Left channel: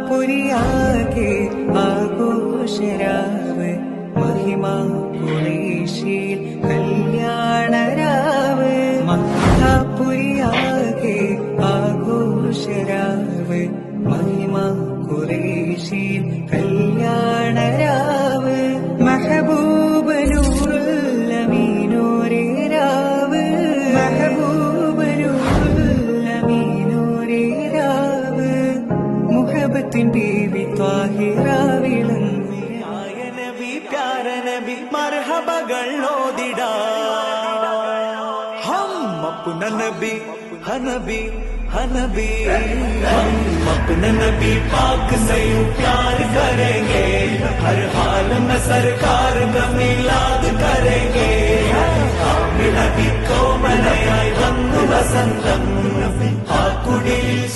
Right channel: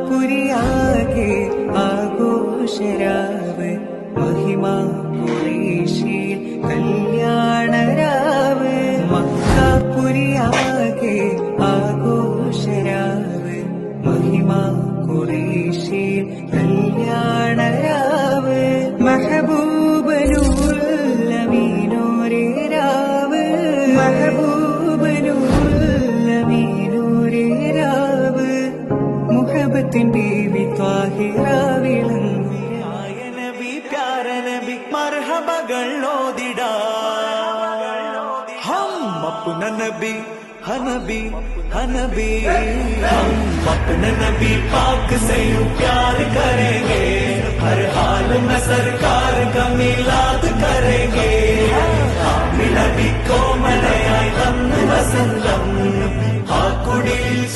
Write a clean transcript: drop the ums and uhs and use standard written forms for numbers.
മക്കാപുരിയാകെ ആഘോഷരാവ് മഹിമ ഖുറൈശിയിൽ കല്യാണരാവ് മക്കാപുരിയാകെ ആഘോഷരാവ് മഹിമ ഖുറൈശിയിൽ കല്യാണരാവ് മെഹബൂബ നൂറുൽ അമീനോരേ രാവ് മെഹബൂബ നൂറുൽ അമീനോരേ രാവ് മുഹബത്തിൻ ബീവി ത്വാഹിറ വിളങ്ങി ആയ നബി പ്യാര നബി മർഹബകൾ ഓതിടാ ഹം അപ്ന നബി ഹനബി हनबी हम अपने नबी पाक से यूं प्यार करेंगे हर हाल में सरकार का मिलाद करेंगे मिलादी को मनाई वंदु वसंतम आ कुड़ी